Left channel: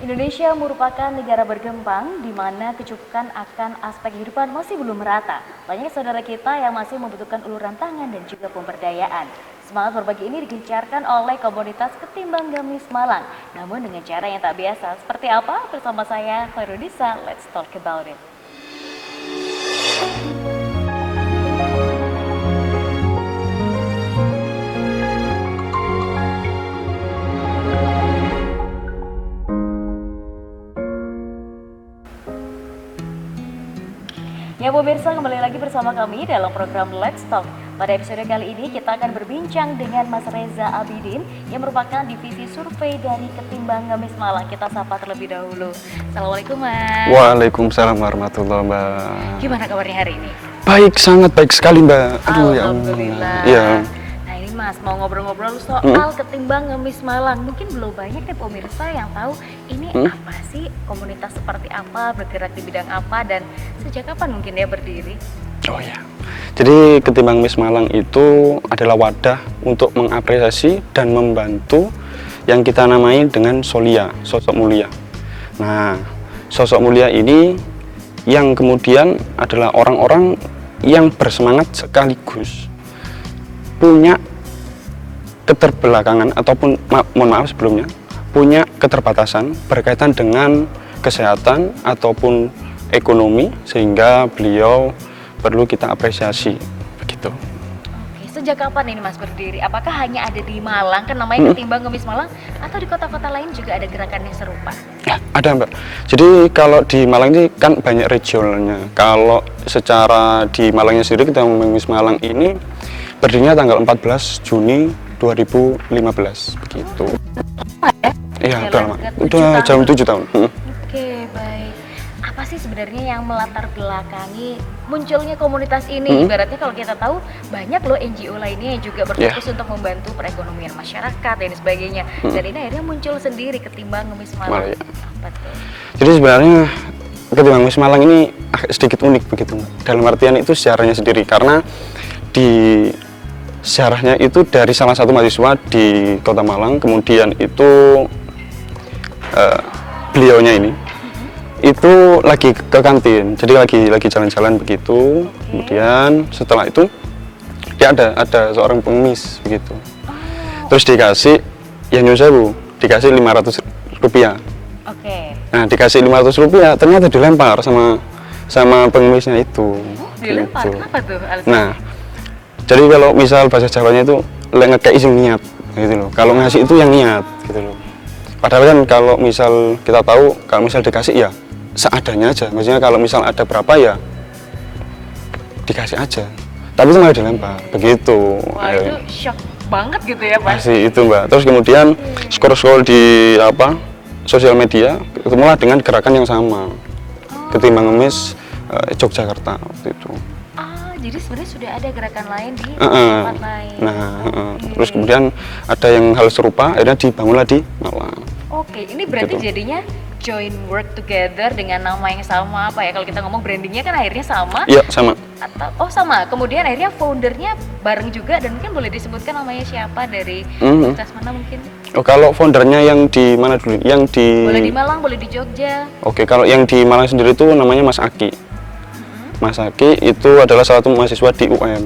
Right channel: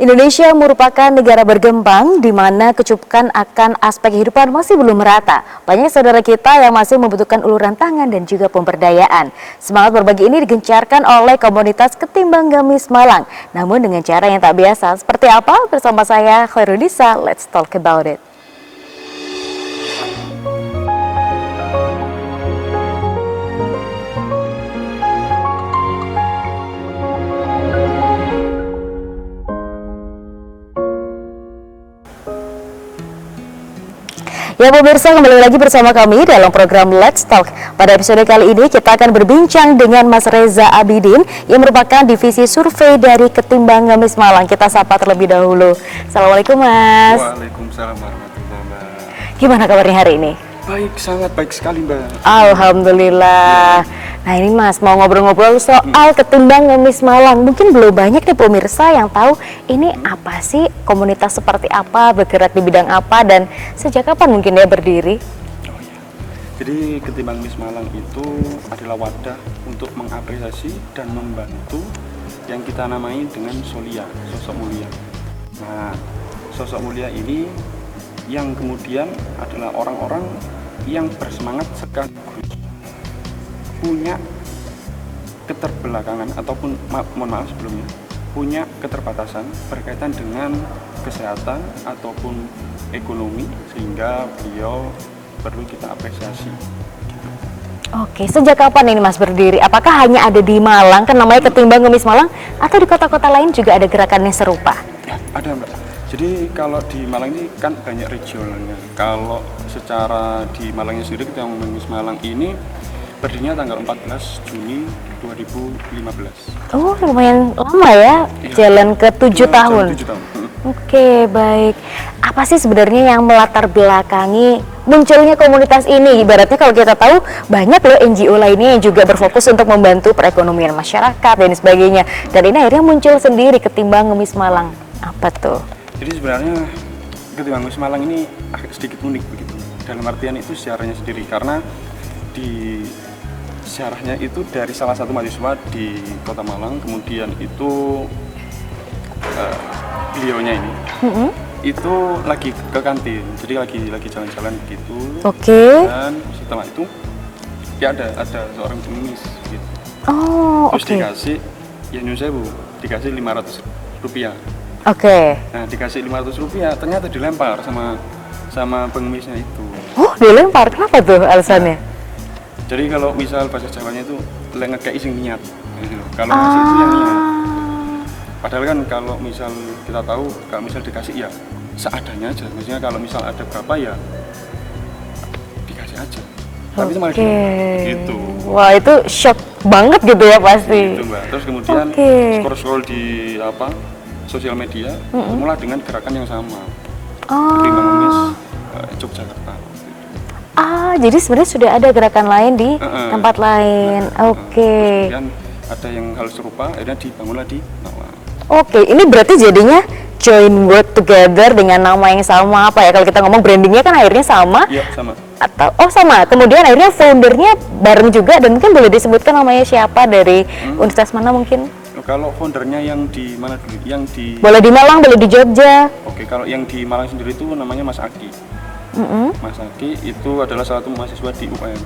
Indonesia merupakan negara berkembang di mana kecupukan akan aspek kehidupan masih belum merata. Banyak saudara kita yang masih membutuhkan uluran tangan dan juga pemberdayaan. Semangat berbagi ini digencarkan oleh komunitas Ketimbang Gamis Malang. Namun dengan cara yang tak biasa. Seperti apa? Bersama saya Khairudisa, let's talk about it. Ya pemirsa, kembali lagi bersama kami dalam program Let's Talk. Pada episode kali ini kita akan berbincang dengan Mas Reza Abidin yang merupakan divisi survei dari Ketimbang Gamis Malang. Kita sapa terlebih dahulu. Assalamualaikum Mas. Waalaikumsalam warahmatullahi wabarakatuh, Mbak. Gimana kabarnya hari ini? Baik, sangat baik sekali Mbak. Alhamdulillah. Ya. Nah ini Mas, mau ngobrol-ngobrol soal Ketimbang Gamis Malang. Mungkin belum banyak nih pemirsa yang tahu ini apa sih, komunitas seperti apa, bergerak di bidang apa, dan sejak kapan mungkin dia berdiri? Oh ya. Jadi Ketimbang Gamis Malang itu adalah wadah untuk mengapresiasi dan membantu yang kita namai dengan Solia, sosok mulia. Nah, sosok mulia ini yang kemudian adalah orang-orang yang bersemangat sekaligus punya keterbelakangan ataupun mohon maaf sebelumnya punya keterbatasan berkaitan dengan kesehatan ataupun ekonomi, sehingga beliau perlu kita apresiasi begitu. Oke, sejak kapan ini Mas berdiri? Apakah hanya ada di Malang, kan namanya Ketimbang Gamis Malang, atau di kota-kota lain juga ada gerakan yang serupa? Ya, ada Mbak. Jadi kalau di Malang ini kan banyak regionalnya. Kalau secara di Malangnya sendiri, Ketimbang Gamis Malang ini berdirinya tanggal 14 Juni 2015. Oh, lumayan lama ya, jalan ke 7 tahun. Jalan 7 tahun. Oke, baik. Apa sih sebenarnya yang melatar belakangi munculnya komunitas ini? Ibaratnya kalau kita tahu banyak loh NGO lainnya yang juga berfokus untuk membantu perekonomian masyarakat dan sebagainya. Dan ini akhirnya muncul sendiri Ketimbang Gamis Malang. Apa tuh? Jadi sebenarnya Ketimbang Gamis Malang ini sedikit unik begitu. Dalam artian itu sejarahnya sendiri, karena di sejarahnya itu dari salah satu mahasiswa di Kota Malang, kemudian itu beliaunya ini itu lagi ke kantin, jadi lagi jalan-jalan begitu. Dan setelah itu dia ada seorang pengemis begitu. Terus dikasih ya nyusaha Bu, dikasih 500 rupiah. Nah dikasih 500 rupiah ternyata dilempar sama pengemisnya itu. Oh, dilempar, kenapa tuh alasannya? Nah, jadi kalau misal bahasa Jawanya itu ngekei sing niat gitu loh. Kalau ngasih itu yang niat gitu loh. Padahal kan kalau misal kita tahu kalau misal dikasih ya seadanya aja. Maksudnya kalau misal ada berapa ya dikasih aja. Tapi itu malah dilempar begitu. Wah, itu shock banget gitu ya pasti. Itu Mbak. Terus kemudian scroll di sosial media, ketemulah dengan gerakan yang sama. Ketimbang Gamis Yogyakarta waktu itu. Jadi sebenarnya sudah ada gerakan lain di tempat lain. Terus kemudian ada yang hal serupa, akhirnya dibangunlah di Malang. Ini berarti jadinya join work together dengan nama yang sama, apa ya? Kalau kita ngomong brandingnya kan akhirnya sama. Iya, sama. Atau sama. Kemudian akhirnya foundernya bareng juga, dan mungkin boleh disebutkan namanya siapa, dari universitas mana mungkin? Kalau foundernya yang di mana dulu? Yang di Boleh di Malang, boleh di Jogja. Kalau yang di Malang sendiri itu namanya Mas Aki. Mas Aki itu adalah salah satu mahasiswa di UM.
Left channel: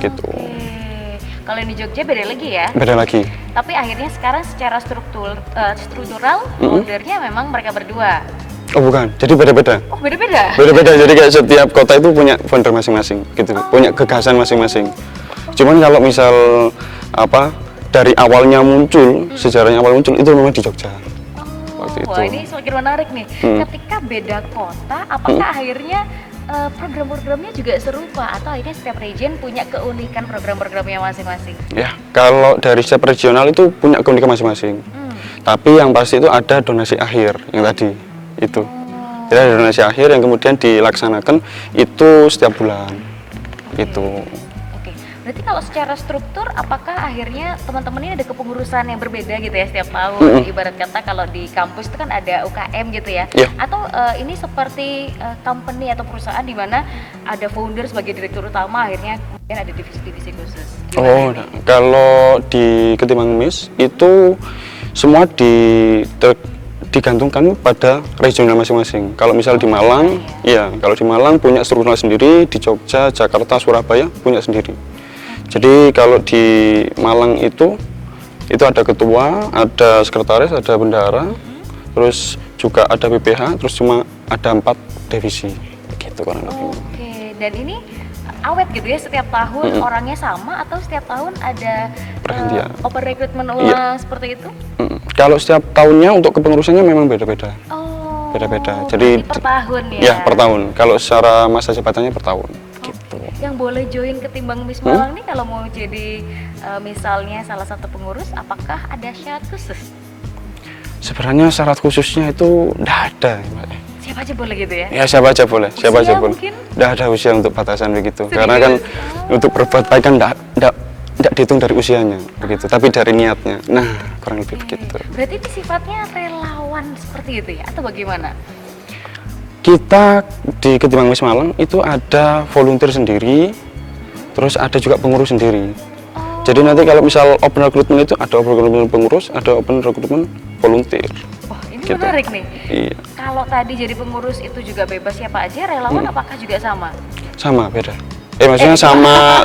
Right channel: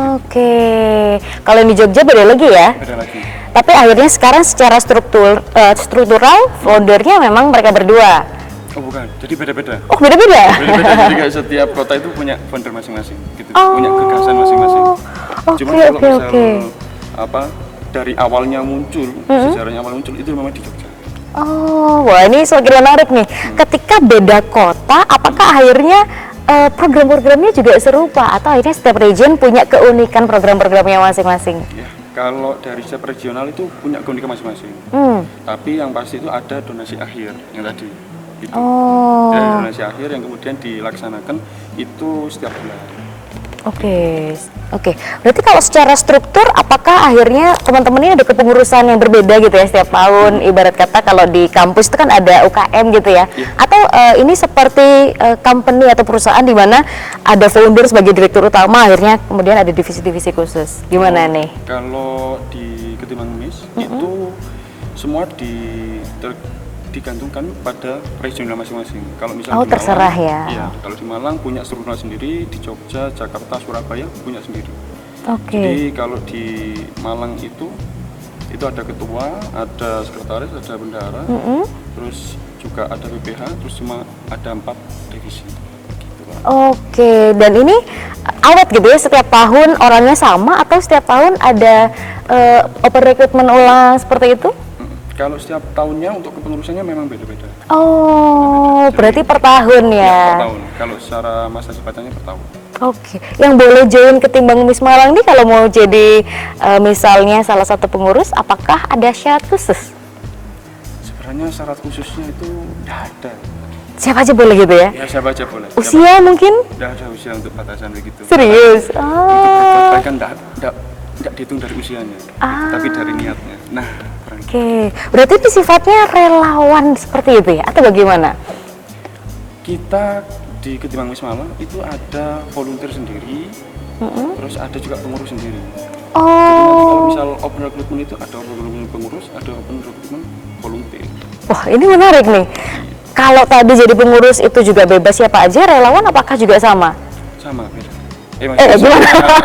Gitu. Kalau yang di Jogja beda lagi ya? Beda lagi. Tapi akhirnya sekarang secara struktural foundernya memang mereka berdua. Oh bukan, jadi beda-beda. Oh beda-beda? Beda-beda, jadi kayak setiap kota itu punya founder masing-masing gitu. Punya gagasan masing-masing. Cuman kalau misal dari awalnya muncul, sejarahnya awal muncul itu memang di Jogja. Wah ini semakin menarik nih. Ketika beda kota, apakah akhirnya program-programnya juga serupa, atau akhirnya setiap region punya keunikan program-programnya masing-masing? Ya, kalau dari setiap regional itu punya keunikan masing-masing. Tapi yang pasti itu ada donasi akhir yang tadi itu. Jadi ada donasi akhir yang kemudian dilaksanakan itu setiap bulan. Berarti kalau secara struktur, apakah akhirnya teman-teman ini ada kepengurusan yang berbeda gitu ya setiap tahun? Ibarat kata kalau di kampus itu kan ada UKM gitu ya? Atau ini seperti company atau perusahaan di mana ada founder sebagai direktur utama, akhirnya kemudian ada divisi-divisi khusus? Gimana nih? Kalau di Ketimbang Gamis itu semua digantungkan pada regional masing-masing. Kalau misal di terserah Malang, ya. iya, kalau di Malang punya struktural sendiri, di Jogja, Jakarta, Surabaya punya sendiri. Jadi kalau di Malang itu ada ketua, ada sekretaris, ada bendahara, terus juga ada PPH, terus cuma ada 4 divisi. Gitu kan. Oke, dan ini awet gitu ya, setiap tahun orangnya sama atau setiap tahun ada open recruitment ulang seperti itu? Kalau setiap tahunnya untuk kepengurusannya memang beda-beda. Oh, beda-beda. Jadi, berarti per tahun ya? Ya, per tahun. Kalau secara masa jabatannya per tahun. Oke, yang boleh join Ketimbang Ngemis Malang nih kalau mau jadi misalnya salah satu pengurus, apakah ada syarat khusus? Sebenarnya syarat khususnya itu tidak ada, Mbak. Siapa aja boleh gitu ya? Ya, siapa aja boleh. Usia siapa aja mungkin? Tidak ada usia untuk batasan begitu. Serius? Karena untuk berbuat baik kan tidak dihitung dari usianya, gitu, tapi dari niatnya. Nah, kurang Oke, gitu. berarti itu sifatnya relawan seperti itu ya? Atau bagaimana? Kita di Ketimbang Ngemis Malang itu ada volunteer sendiri, terus ada juga pengurus sendiri. Oh. Jadi nanti kalau misal open recruitment itu ada open recruitment pengurus, ada open recruitment volunteer. Wah, ini menarik nih. Iya. Kalau tadi jadi pengurus itu juga bebas siapa aja, relawan apakah juga sama? Sama, beda. Maksudnya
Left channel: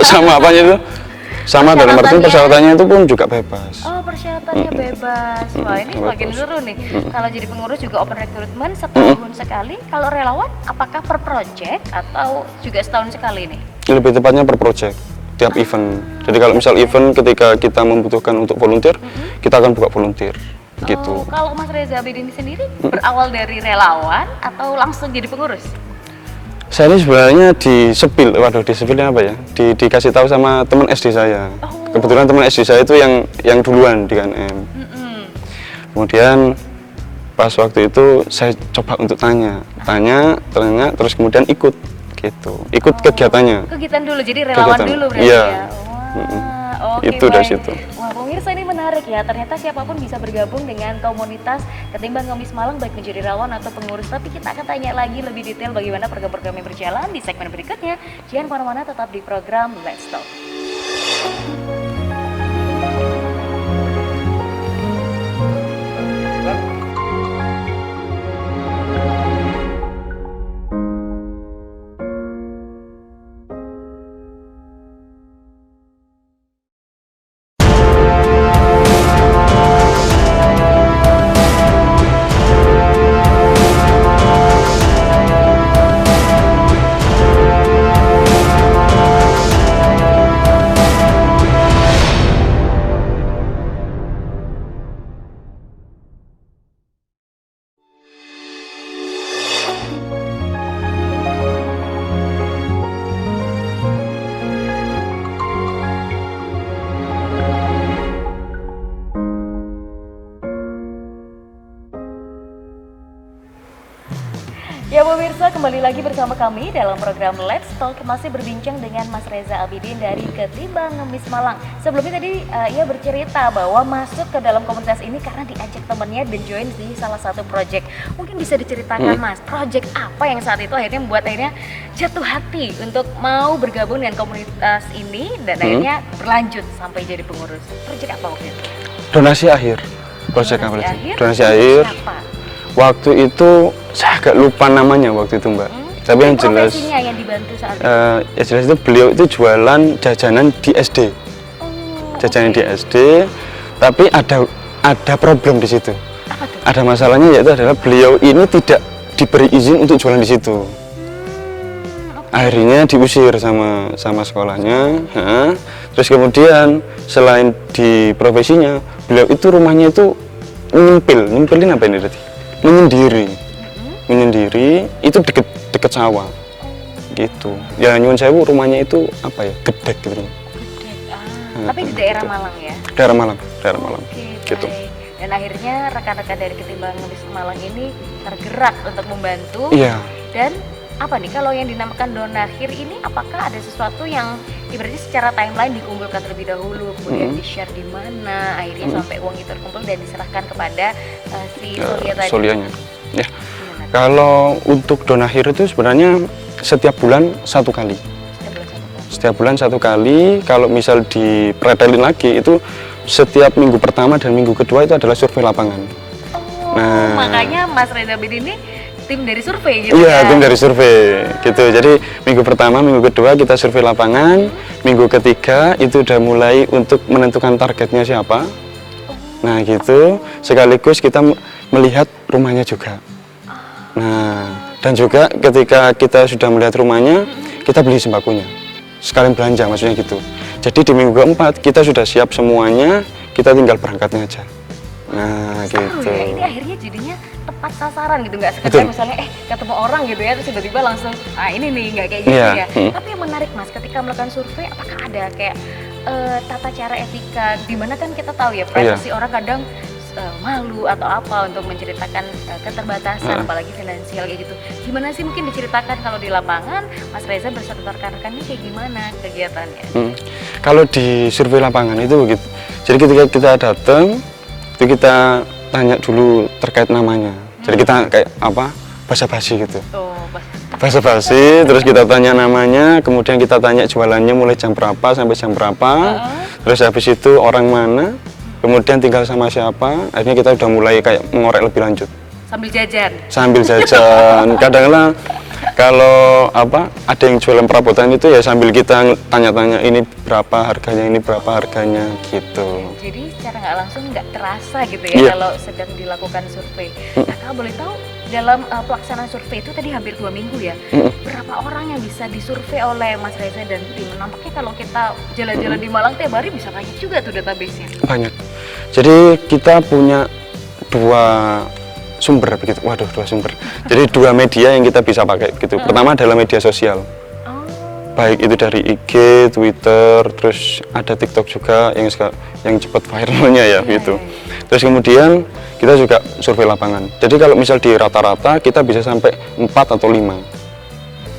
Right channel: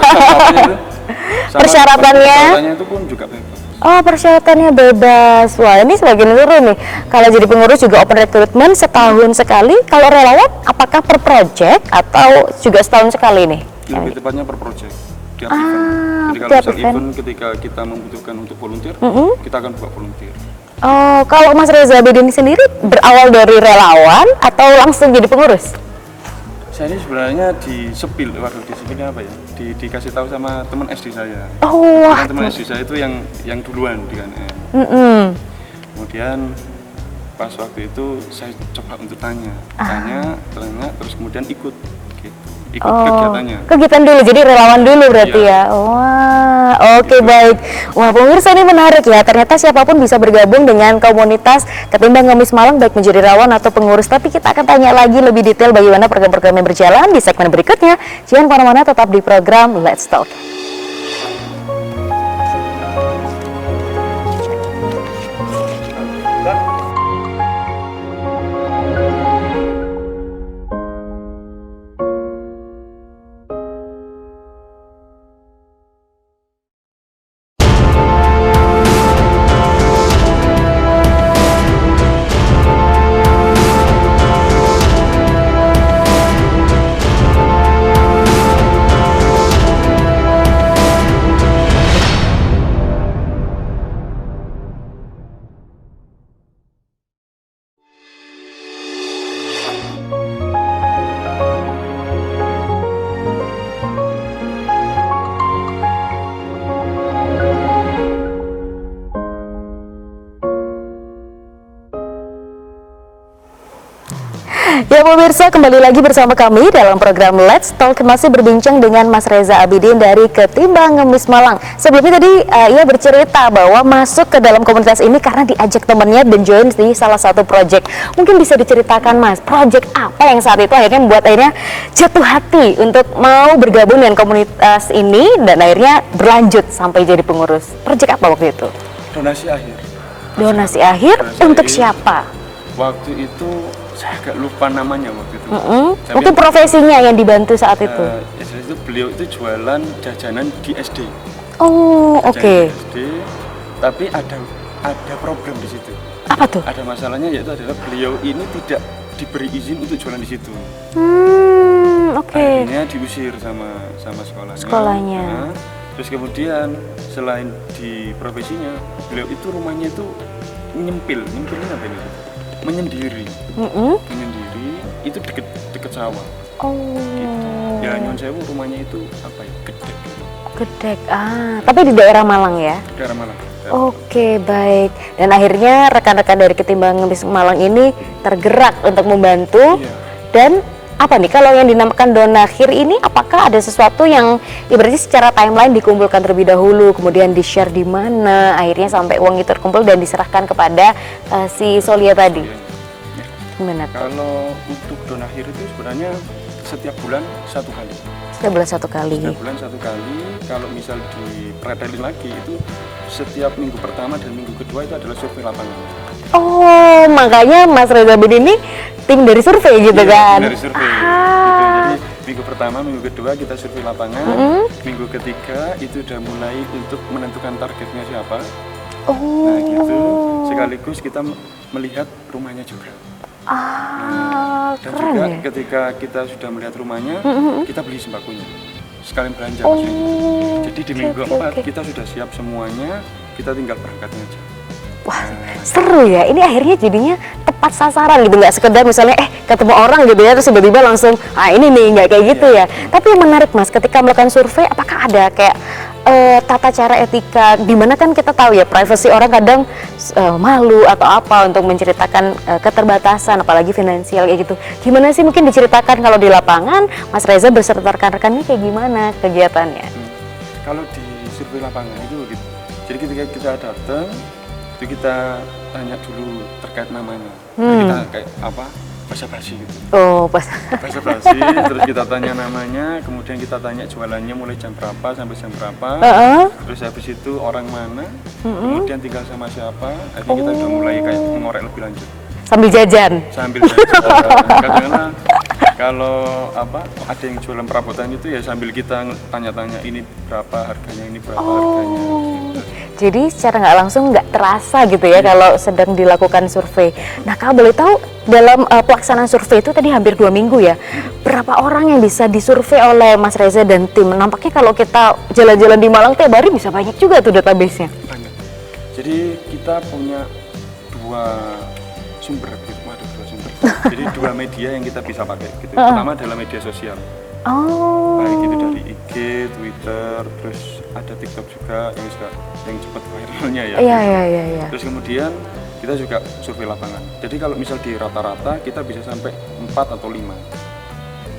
sama apanya itu? Sama persyaratannya itu pun juga bebas. Oh, persyaratannya bebas. Wah, ini semakin seru nih. Kalau jadi pengurus juga open recruitment setahun sekali. Kalau relawan, apakah per project atau juga setahun sekali nih? Lebih tepatnya per project, tiap event. Jadi kalau misal event ketika kita membutuhkan untuk volunteer, kita akan buka volunteer. Oh, Gitu. kalau Mas Reza Abidin sendiri berawal dari relawan atau langsung jadi pengurus? Saya ini sebenarnya disepil, disepilnya apa ya? Dikasih tahu sama teman SD saya. Oh. Kebetulan teman SD saya itu yang duluan di KNM. Kemudian pas waktu itu saya coba untuk tanya, terus kemudian ikut kegiatannya. Kegiatan dulu, jadi relawan Kegiatan. dulu berarti Iya. ya. Wah, oke, Itu baik. dari situ. Wah, pemirsa ini menarik ya. Ternyata siapapun bisa bergabung dengan komunitas Ketimbang Ngemis Malang, baik menjadi relawan atau pengurus. Tapi kita akan tanya lagi lebih detail bagaimana program-program yang berjalan di segmen berikutnya. Jangan kemana-mana, tetap di program Let's Talk. Ya pemirsa, kembali lagi bersama kami dalam program Let's Talk, masih berbincang dengan Mas Reza Abidin dari Ketimbang Ngemis Malang. Sebelumnya tadi ia bercerita bahwa masuk ke dalam komunitas ini karena diajak temannya dan join di salah satu project. Mungkin bisa diceritakan Mas, project apa yang saat itu akhirnya membuat jatuh hati untuk mau bergabung dengan komunitas ini dan akhirnya berlanjut sampai jadi pengurus. Project apa waktu itu? Donasi akhir. Donasi akhir untuk siapa? Waktu itu saya agak lupa namanya waktu itu, Mbak. Tapi mungkin yang profesinya yang dibantu saat itu. Ya jelas itu beliau itu jualan jajanan di SD. Oh, oke. Jajanan di SD, tapi ada problem di situ. Apa tuh? Ada masalahnya, yaitu adalah beliau ini tidak diberi izin untuk jualan di situ. Oke. Akhirnya diusir sama sekolahnya. Nah, terus kemudian selain di profesinya, beliau itu rumahnya itu nyempilin apa ini tadi? Menyendiri itu deket sawah. Gitu. Ya nyuwun sewu, rumahnya itu apa ya? Gedek gitu. Gedek. Tapi di daerah Malang ya? Daerah Malang. Oke, baik. Dan akhirnya rekan-rekan dari Ketimbang Ngemis Malang ini tergerak untuk membantu. Iya. Dan apa nih, kalau yang dinamakan donakhir ini, apakah ada sesuatu yang berarti secara timeline dikumpulkan terlebih dahulu, kemudian di-share di mana, akhirnya sampai uang itu terkumpul dan diserahkan kepada si Solia tadi? Solianya. Ya. Benar. Kalau untuk donakhir itu sebenarnya setiap bulan 1 kali. Setiap bulan 1 kali. Setiap bulan 1 kali. Kalau misal dipretelin lagi itu setiap minggu pertama dan minggu kedua itu adalah survei lapangan. Oh, makanya Mas Reza bin ini tim dari survei gitu iya, kan? tim dari survei gitu. Jadi minggu pertama, minggu kedua kita survei lapangan, minggu ketiga itu udah mulai untuk menentukan targetnya siapa. Nah gitu, sekaligus kita melihat rumahnya juga. Nah, dan juga ketika kita sudah melihat rumahnya, kita beli sembakonya, sekalian belanja maksudnya gitu. Jadi di minggu keempat kita sudah siap semuanya, kita tinggal berangkatnya aja. Nah, seru gitu. ya, ini akhirnya jadinya tepat sasaran gitu, nggak sekedar misalnya ketemu orang gitu ya, terus tiba-tiba langsung, ini nih, nggak kayak gitu ya. Tapi yang menarik Mas, ketika melakukan survei, apakah ada kayak tata cara etika, dimana kan kita tahu ya, privasi orang kadang malu atau apa untuk menceritakan keterbatasan, apalagi finansial kayak gitu. Gimana sih mungkin diceritakan kalau di lapangan, Mas Reza beserta rekan-rekannya kayak gimana kegiatannya? Kalau di survei lapangan itu begitu, jadi ketika kita datang, itu kita tanya dulu terkait namanya. Jadi kita kayak apa, basa-basi gitu. Oh, basa-basi, terus kita tanya namanya, kemudian kita tanya jualannya mulai jam berapa sampai jam berapa. Terus habis itu orang mana, kemudian tinggal sama siapa. Akhirnya kita udah mulai kayak mengorek lebih lanjut. Sambil jajan? Sambil jajan. Kadang-kadang kalau apa, ada yang jualan perabotan itu ya sambil kita tanya-tanya ini berapa harganya, ini berapa harganya gitu. Jadi secara nggak langsung nggak terasa gitu ya kalau sedang dilakukan survei. Nah, kalau boleh tahu dalam pelaksanaan survei itu tadi hampir 2 minggu ya, berapa orang yang bisa disurvei oleh Mas Reza dan tim? Nampaknya kalau kita jalan-jalan di Malang tiap hari bisa banyak juga tuh database-nya. Banyak. Jadi kita punya 2 sumber begitu. Waduh, 2 sumber. Jadi 2 media yang kita bisa pakai gitu. Pertama adalah media sosial. Baik itu dari IG, Twitter, terus ada TikTok juga yang cepat viralnya ya gitu. Terus kemudian kita juga survei lapangan. Jadi kalau misal di rata-rata kita bisa sampai 4 atau 5.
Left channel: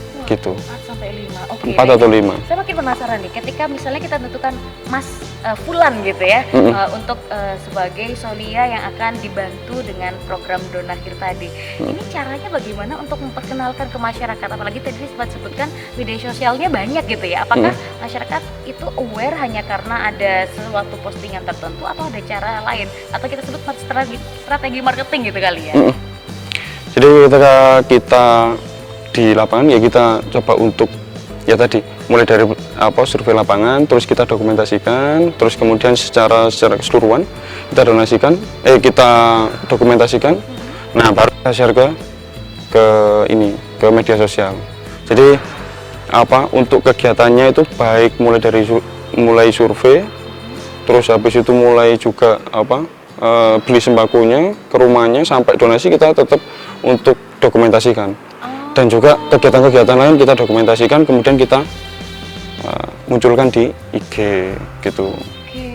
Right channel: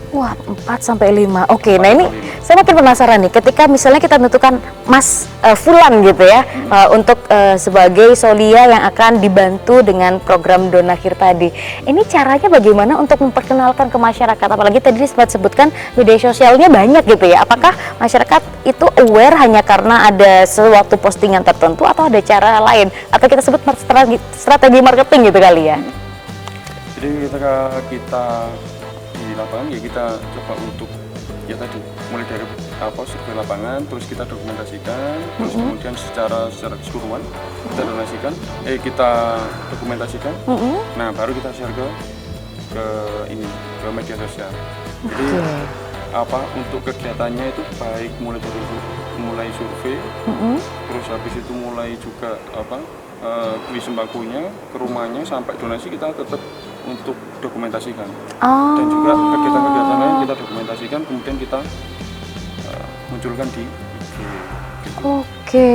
Wah, gitu. 4 sampai 5. Oke, nah ini saya makin penasaran nih, ketika misalnya kita menentukan Mas Fulan gitu ya, untuk sebagai Solia yang akan dibantu dengan program Donakhir tadi. Ini caranya bagaimana untuk memperkenalkan ke masyarakat? Apalagi tadi sempat sebutkan media sosialnya banyak gitu ya. Apakah masyarakat itu aware hanya karena ada suatu postingan tertentu atau ada cara lain? Atau kita sebut strategi marketing gitu kali ya? Jadi ketika kita di lapangan ya kita coba untuk ya tadi mulai dari survei lapangan, terus kita dokumentasikan, terus kemudian secara keseluruhan kita kita dokumentasikan. Nah, baru kita share ke media sosial. Jadi untuk kegiatannya itu baik mulai survei, terus habis itu mulai juga beli sembakonya ke rumahnya sampai donasi kita tetap untuk dokumentasikan. Dan juga kegiatan-kegiatan lain kita dokumentasikan, kemudian kita munculkan di IG gitu. Oke,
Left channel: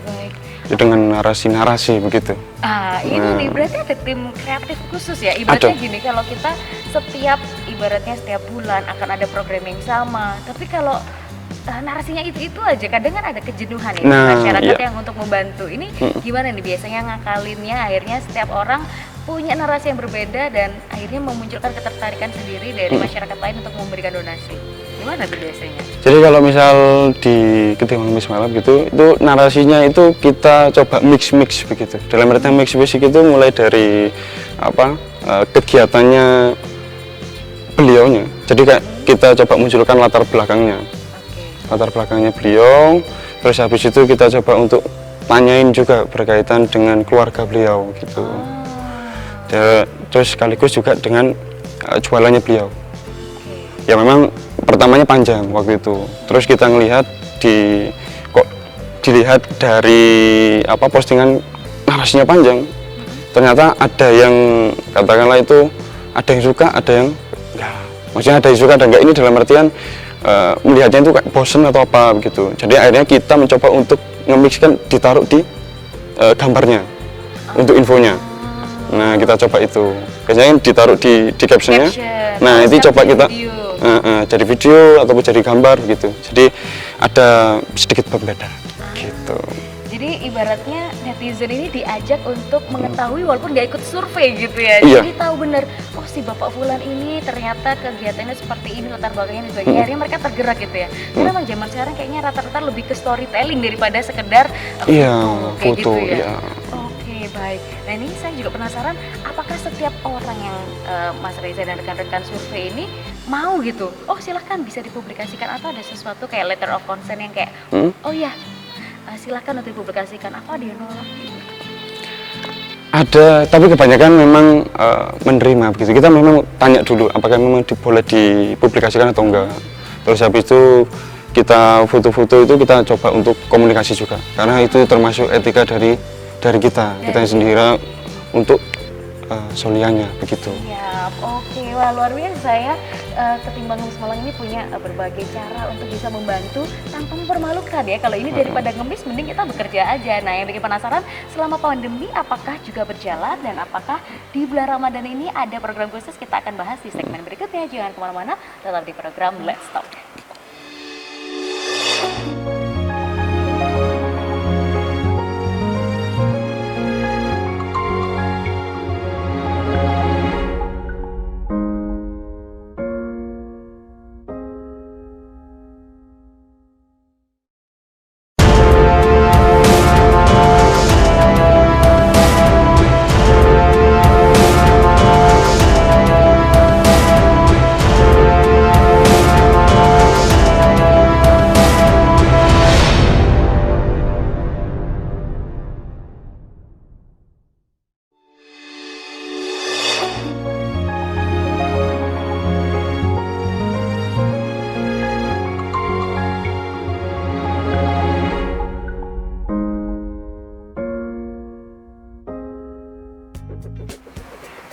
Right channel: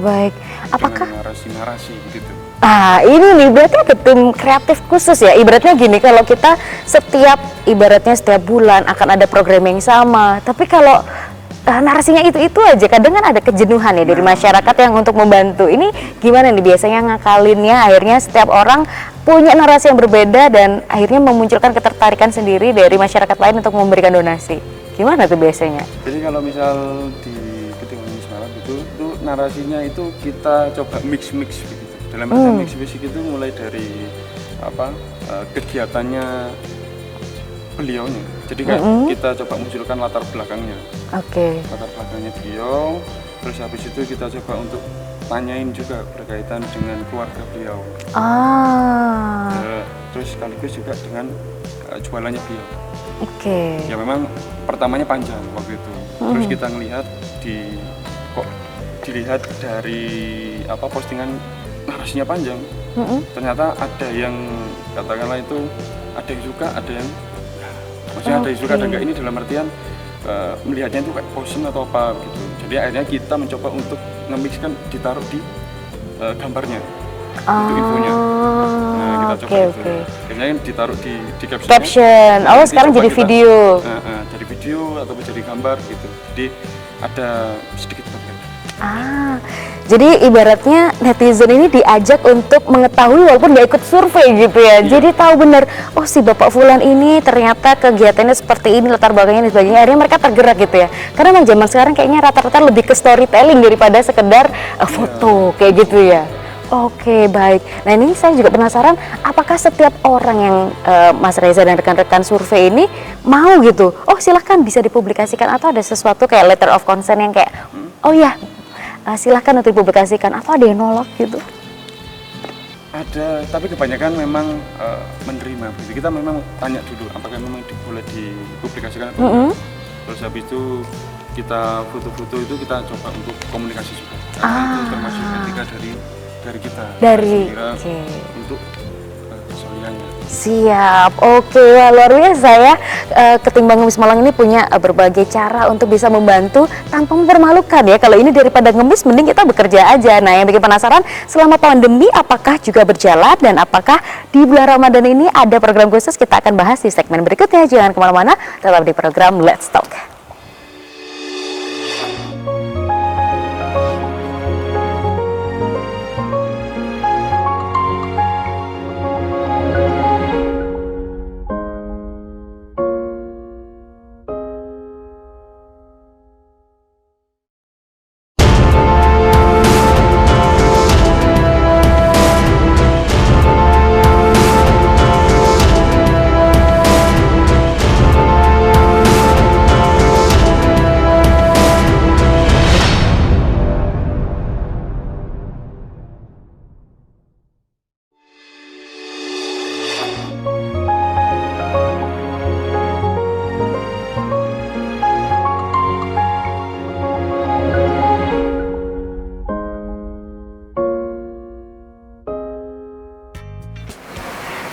baik. Dengan narasi-narasi begitu. Ini nih berarti ada tim kreatif khusus ya. Ibaratnya gini, kalau kita ibaratnya setiap bulan akan ada program yang sama. Tapi kalau narasinya itu aja, kadang kan ada kejenuhan ya dari masyarakat yang untuk membantu. Ini gimana nih biasanya ngakalinnya? Akhirnya setiap orang punya narasi yang berbeda dan akhirnya memunculkan ketertarikan sendiri dari masyarakat lain untuk memberikan donasi. Gimana tuh biasanya? Jadi kalau misal di Ketimbang Mis Malam gitu, itu narasinya itu kita coba mix begitu. Dalam arti mix itu mulai dari kegiatannya beliaunya. Jadi kita coba munculkan latar belakangnya. Latar belakangnya beliau, terus habis itu kita coba untuk tanyain juga berkaitan dengan keluarga beliau gitu. Terus sekaligus juga dengan jualannya beliau. Ya memang pertamanya panjang waktu itu. Terus kita ngelihat dilihat dari postingan narasinya panjang. Ternyata ada yang katakanlah itu ada yang suka, ada yang enggak. Maksudnya ada yang suka dan enggak, ini dalam artian melihatnya itu kayak bosen atau apa begitu. Jadi akhirnya kita mencoba untuk nge-mixkan, ditaruh di gambarnya untuk infonya. Nah, kita coba itu. Biasanya ditaruh di captionnya. Nah, nanti coba kita jadi video ataupun jadi gambar gitu. Jadi ada sedikit pembeda. Gitu. Jadi ibaratnya netizen ini diajak untuk mengetahui walaupun nggak ikut survei gitu ya. Jadi tahu benar, oh si Bapak Fulan ini ternyata kegiatannya seperti ini, latar belakangnya dan sebagainya. Akhirnya mereka tergerak gitu ya. Karena memang zaman sekarang kayaknya rata-rata lebih ke storytelling daripada sekedar foto kayak gitu ya. Oke, baik. Nah ini saya juga penasaran, apakah setiap orang yang Mas Reza dan rekan-rekan survei ini mau gitu, oh silahkan bisa dipublikasikan, atau ada sesuatu kayak letter of consent yang kayak, oh ya silahkan untuk dipublikasikan, atau ada yang nolak gitu? Ada, tapi kebanyakan memang menerima begitu. Kita memang tanya dulu apakah memang boleh dipublikasikan atau enggak. Terus habis itu kita foto-foto itu kita coba untuk komunikasi juga, karena itu termasuk etika dari kita sendiri untuk solianya begitu. Siap, oke, wah, luar biasa ya. Ketimbang Ngemis Malang ini punya berbagai cara untuk bisa membantu tanpa mempermalukan ya. Kalau ini daripada ngemis, mending kita bekerja aja. Nah, yang bikin penasaran, selama pandemi apakah juga berjalan, dan apakah di bulan Ramadan ini ada program khusus? Kita akan bahas di segmen berikutnya. Jangan kemana-mana, tetap di program Let's Talk.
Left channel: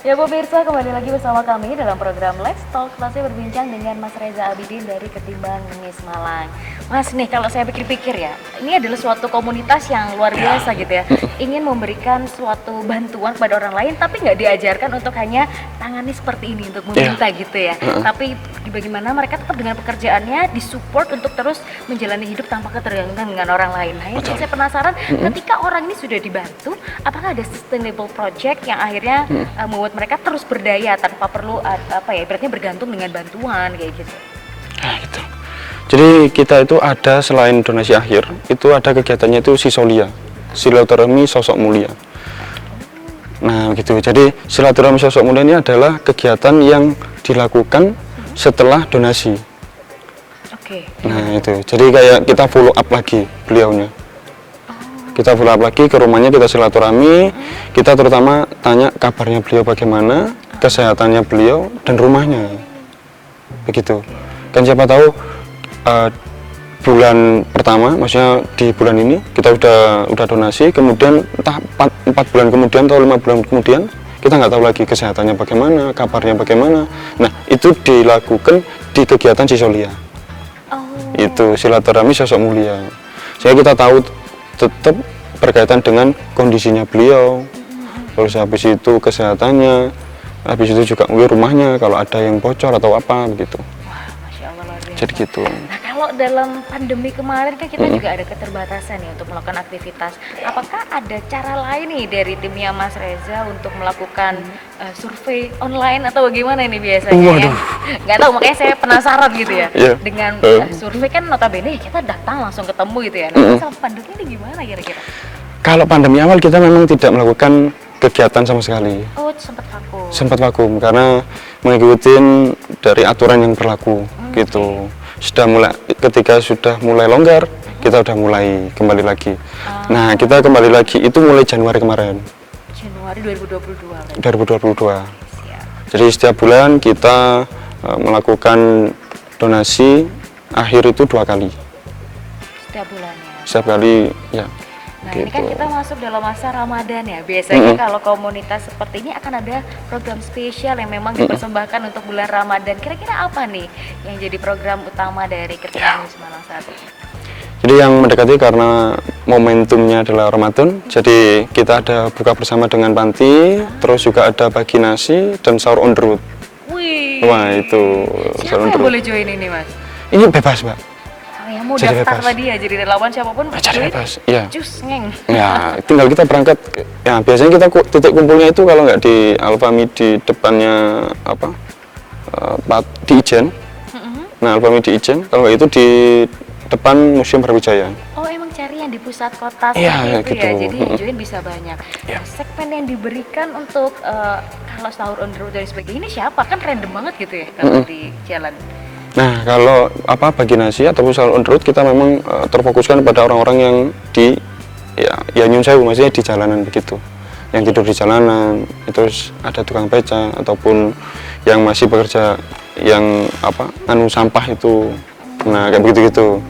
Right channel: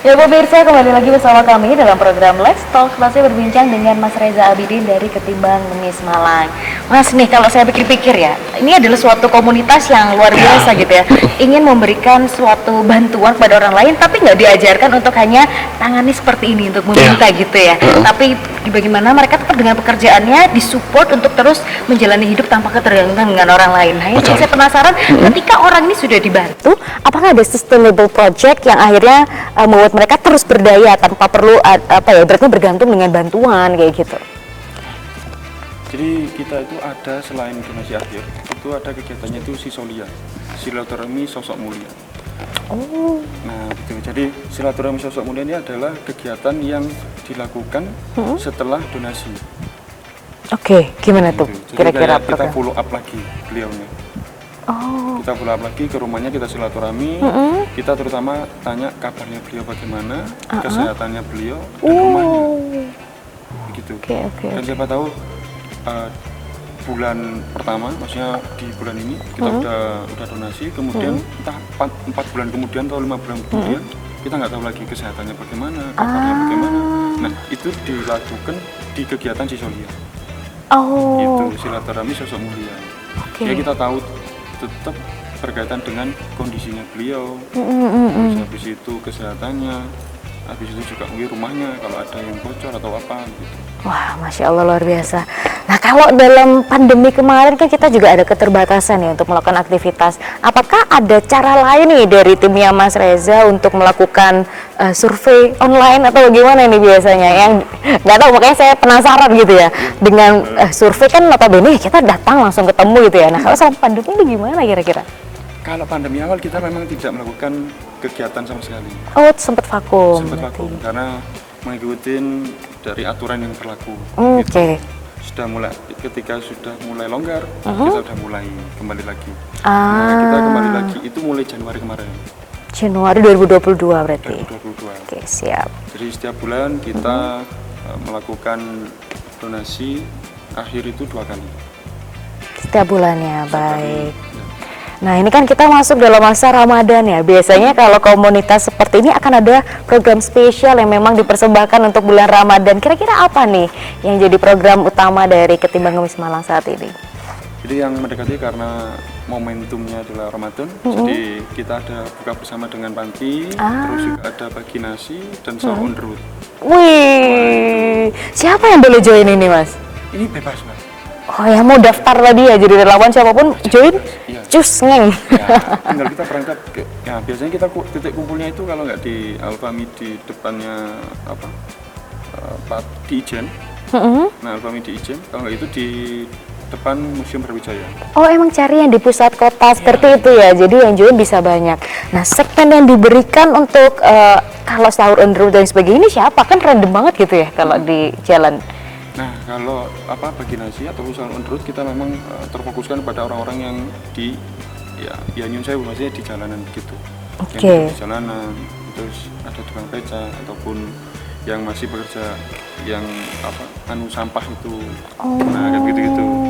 Ya pemirsa, kembali lagi bersama kami dalam program Let's Talk. Masih berbincang dengan Mas Reza Abidin dari Ketimbang Ngemis Malang. Mas nih, kalau saya pikir-pikir ya, ini adalah suatu komunitas yang luar biasa gitu ya. Ingin memberikan suatu bantuan kepada orang lain, tapi nggak diajarkan untuk hanya tangani seperti ini untuk meminta gitu ya. Tapi bagaimana mereka tetap dengan pekerjaannya disupport untuk terus menjalani hidup tanpa ketergantungan dengan orang lain. Nah, ini saya penasaran, ketika orang ini sudah dibantu, apakah ada sustainable project yang akhirnya membuat mereka terus berdaya tanpa perlu berarti bergantung dengan bantuan kayak gitu? Nah, gitu. Jadi kita itu ada, selain donasi akhir, itu ada kegiatannya itu Sisolia, silaturahmi sosok mulia. Nah gitu, jadi silaturahmi sosok mulia ini adalah kegiatan yang dilakukan setelah donasi. Oke, gimana tuh? Itu. Jadi kayak kita follow up lagi beliaunya. Kita follow up lagi ke rumahnya, kita silaturahmi, kita terutama tanya kabarnya beliau bagaimana, kesehatannya beliau, dan rumahnya. Begitu. Kan siapa tahu bulan pertama, maksudnya di bulan ini kita udah donasi, kemudian entah 4 bulan kemudian atau 5 bulan kemudian kita nggak tahu lagi kesehatannya bagaimana, kabarnya bagaimana. Nah itu dilakukan di kegiatan Sisolia. Itu silaturahmi sosok mulia. Jadi kita tahu tetap berkaitan dengan kondisinya beliau, terus habis itu kesehatannya, habis itu juga mungkin rumahnya kalau ada yang bocor atau apa gitu. Wah, Masya Allah, luar biasa. Gitu. Nah, kalau dalam pandemi kemarin kan kita juga ada keterbatasan ya untuk melakukan aktivitas. Apakah ada cara lain nih dari timnya Mas Reza untuk melakukan survei online atau bagaimana nih biasanya? Yang nggak tahu, makanya saya penasaran gitu ya. Dengan survei kan notabene kita datang langsung ketemu gitu ya. Nah, kalau selama pandemi ini gimana kira-kira? Kalau pandemi awal kita memang tidak melakukan kegiatan sama sekali. Oh, sempat vakum. Sempat vakum karena mengikuti dari aturan yang berlaku gitu. Ketika sudah mulai longgar, kita udah mulai kembali lagi. Nah, kita kembali lagi itu mulai Januari kemarin. Januari 2022 berarti. 2022. Oke, siap. Jadi setiap bulan kita melakukan donasi akhir itu 2 kali. Setiap bulannya. Setiap kali, ya. Nah, ini kan kita masuk dalam masa Ramadan ya. Biasanya kalau komunitas seperti ini akan ada program spesial yang memang dipersembahkan untuk bulan Ramadan. Kira-kira apa nih yang jadi program utama dari Ketimbang Ngemis Malang saat ini? Jadi yang mendekati karena momentumnya adalah Ramadan, jadi kita ada buka bersama dengan panti, terus juga ada bagi nasi dan sahur on the road. Wih, wah itu. Siapa yang boleh join ini, Mas? Ini bebas, Mbak. Oh ya, mau daftar tadi ya, jadi relawan siapapun join, cus ngeng. Ya, tinggal kita berangkat. Ya, biasanya kita titik kumpulnya itu kalau nggak di Alfami di depannya apa, di Ijen. Nah, Alfami di Ijen. Kalau itu di depan Museum Brawijaya. Oh, emang cari yang di pusat kota seperti itu gitu. ya, jadi yang join bisa banyak. Nah, segmen yang diberikan untuk kalau sahur on the road dan sebagainya ini siapa? Kan random banget gitu ya kalau di jalan. Nah, kalau bagi nasi ataupun sahur on the road kita memang terfokuskan pada orang-orang yang di ya nyun sewu, maksudnya di jalanan begitu. Yang tidur di jalanan, terus ada tukang beca ataupun yang masih bekerja yang sampah itu. Nah, kayak begitu-gitu.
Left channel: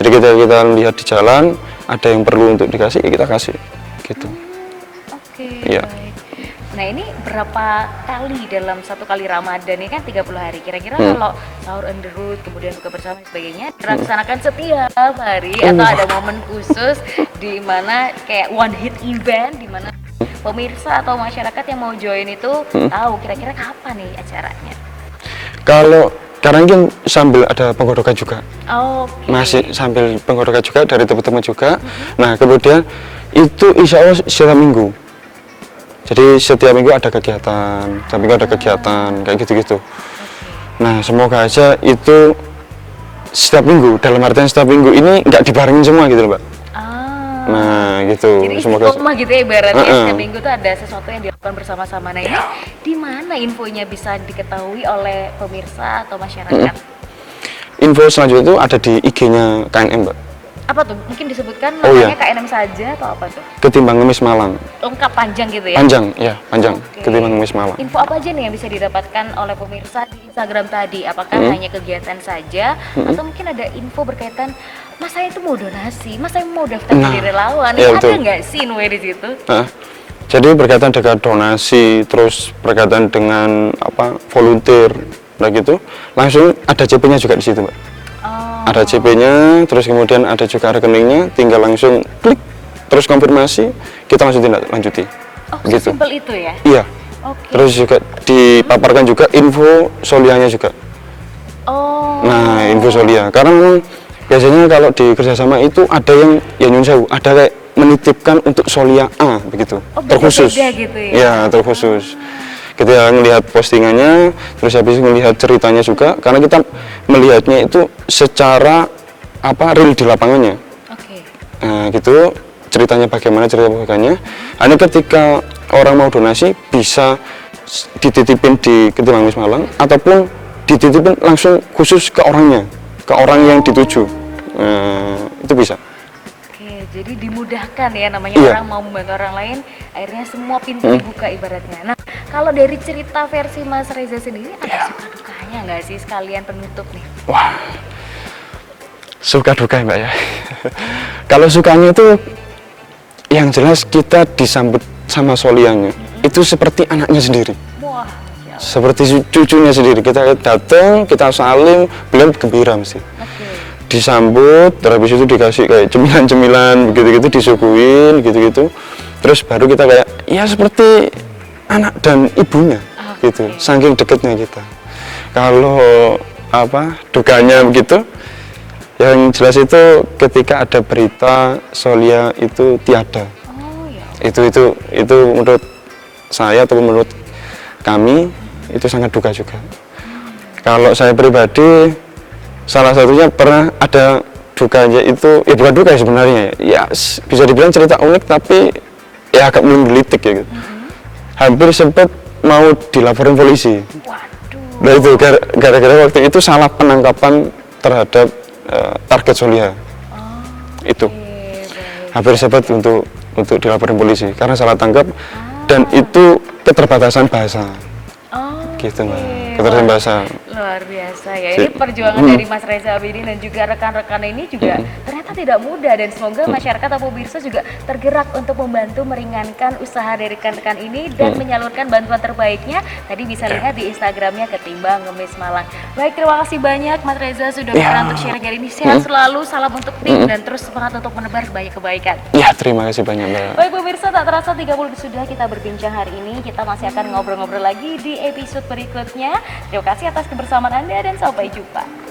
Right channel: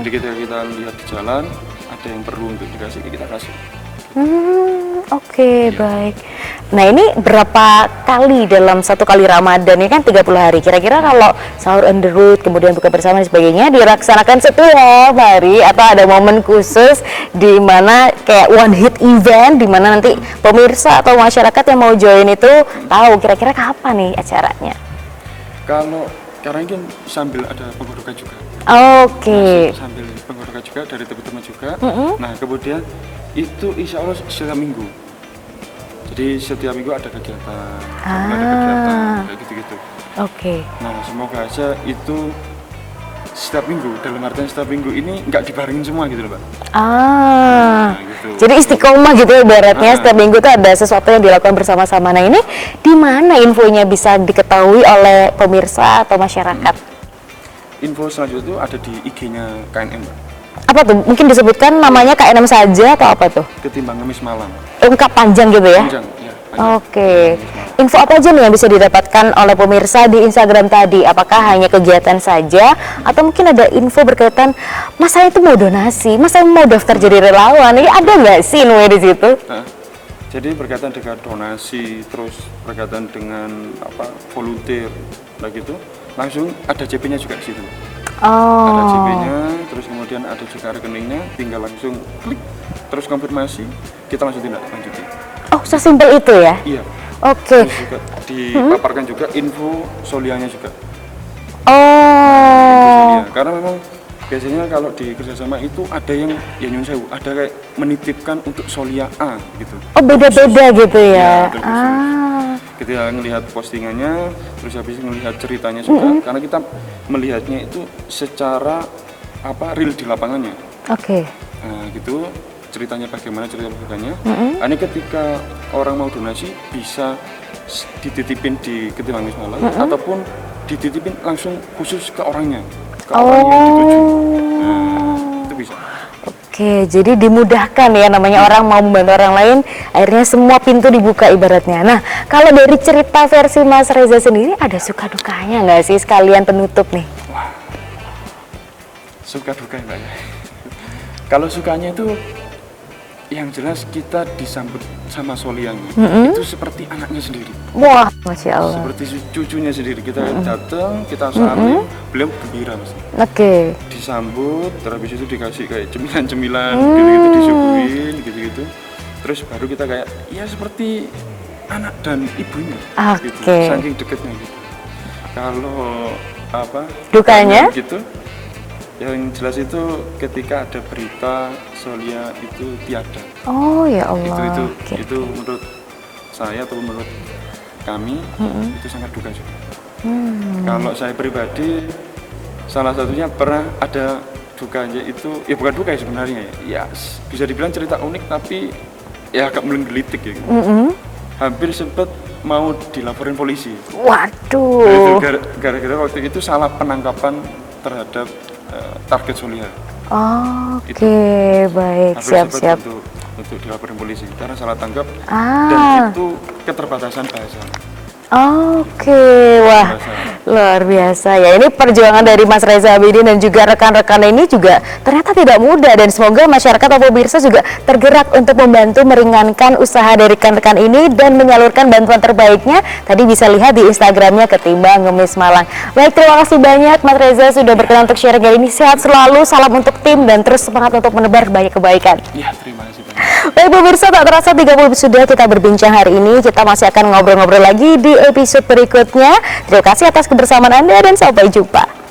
Jadi kita lihat di jalan ada yang perlu untuk dikasih, kita kasih gitu. Oke, baik. Nah, ini berapa kali dalam satu kali Ramadan? Ini kan 30 hari. Kira-kira kalau sahur on the road, kemudian buka bersama dan sebagainya dilaksanakan setiap hari atau ada momen khusus di mana kayak one hit event di mana nanti pemirsa atau masyarakat yang mau join itu tahu kira-kira kapan nih acaranya? Kalau sekarang kan sambil ada penggodokan juga. Masih sambil penggodokan juga dari teman-teman juga. Nah, kemudian itu insya Allah setiap minggu. Jadi setiap minggu ada kegiatan, kayak gitu-gitu. Nah, semoga aja itu setiap minggu, dalam artian setiap minggu ini nggak dibarengin semua gitu loh, Mbak. Nah, gitu. Jadi istiqomah gitu ya ibaratnya, setiap minggu tuh ada sesuatu yang dilakukan bersama-sama. Nah, ini di mana infonya bisa diketahui oleh pemirsa atau masyarakat? Info selanjutnya itu ada di IG-nya KNM, Mbak. Apa tuh? Mungkin disebutkan namanya KNM saja atau apa tuh? Ketimbang Ngemis Malang. Lengkap panjang gitu ya? Panjang. Ketimbang Ngemis Malang. Info apa aja nih yang bisa didapatkan oleh pemirsa di Instagram tadi? Apakah hanya kegiatan saja? Atau mungkin ada info berkaitan, Mas saya itu mau donasi, Mas saya mau daftar jadi relawan. Ini ada nggak sih info di situ? Jadi berkaitan dengan donasi, terus berkaitan dengan volunteer, nah gitu, langsung ada CP-nya juga di situ, Mbak. Ada CP-nya, terus kemudian ada juga rekeningnya, tinggal langsung klik, terus konfirmasi, kita langsung tindak lanjuti. Gitu. Sesimpel itu ya? Iya. Terus juga dipaparkan juga info solianya juga. Nah, info solia, karena memang biasanya kalau di kerjasama itu ada yang nyun sewu, ada kayak menitipkan untuk solia A begitu. Beda-beda gitu ya? Ya, terkhusus. Kita melihat postingannya, terus habis melihat ceritanya juga, karena kita melihatnya itu secara real di lapangannya. Nah, gitu ceritanya bagaimana, cerita bukannya. Hanya ketika orang mau donasi bisa dititipin di Ketimbang Ngemis Malang ataupun dititipin langsung khusus ke orangnya, ke orang yang dituju. Nah, itu bisa. Jadi dimudahkan ya, namanya orang mau membantu orang lain, akhirnya semua pintu dibuka ibaratnya. Nah, kalau dari cerita versi Mas Reza sendiri, ada suka dukanya nggak sih sekalian penutup nih? Wah, suka duka Mbak ya. Kalau sukanya itu yang jelas kita disambut sama solianya, itu seperti anaknya sendiri. Wah, Masya Allah. Seperti cucunya sendiri, kita datang, kita salim, beliau gembira mesti. Disambut, terus habis itu dikasih kayak cemilan-cemilan, gitu-gitu disuguhin, gitu-gitu. Terus baru kita kayak, ya seperti anak dan ibunya, gitu. Saking deketnya kita. Kalau dukanya begitu, yang jelas itu ketika ada berita solia itu tiada. Ya Allah. Itu menurut saya atau menurut kami itu sangat duka juga. Kalau saya pribadi, salah satunya pernah ada dukanya itu, bukan duka ya sebenarnya, ya bisa dibilang cerita unik tapi ya agak menggelitik ya gitu. Hampir sempat mau dilaporin polisi. Waduh. Nah, itu gara-gara waktu itu salah penangkapan terhadap target solia. Itu baik. hampir sempat untuk dilaporin polisi karena salah tangkap dan itu keterbatasan bahasa. Wah, luar biasa ya. Ini perjuangan dari Mas Reza Abidin dan juga rekan-rekan ini juga ternyata tidak mudah, dan semoga masyarakat atau pemirsa juga tergerak untuk membantu meringankan usaha dari rekan-rekan ini dan menyalurkan bantuan terbaiknya. Tadi bisa lihat di Instagramnya Ketimbang Ngemis Malang. Baik, terima kasih banyak Mas Reza sudah berkenan untuk sharing kali ini. Sehat selalu, salam untuk tim dan terus semangat untuk menebar banyak kebaikan. Ya, terima kasih banyak. Baik pemirsa, tak terasa 30 sudah kita berbincang hari ini. Kita masih akan ngobrol-ngobrol lagi di episode berikutnya. Terima kasih atas kebersamaan Anda dan sampai jumpa.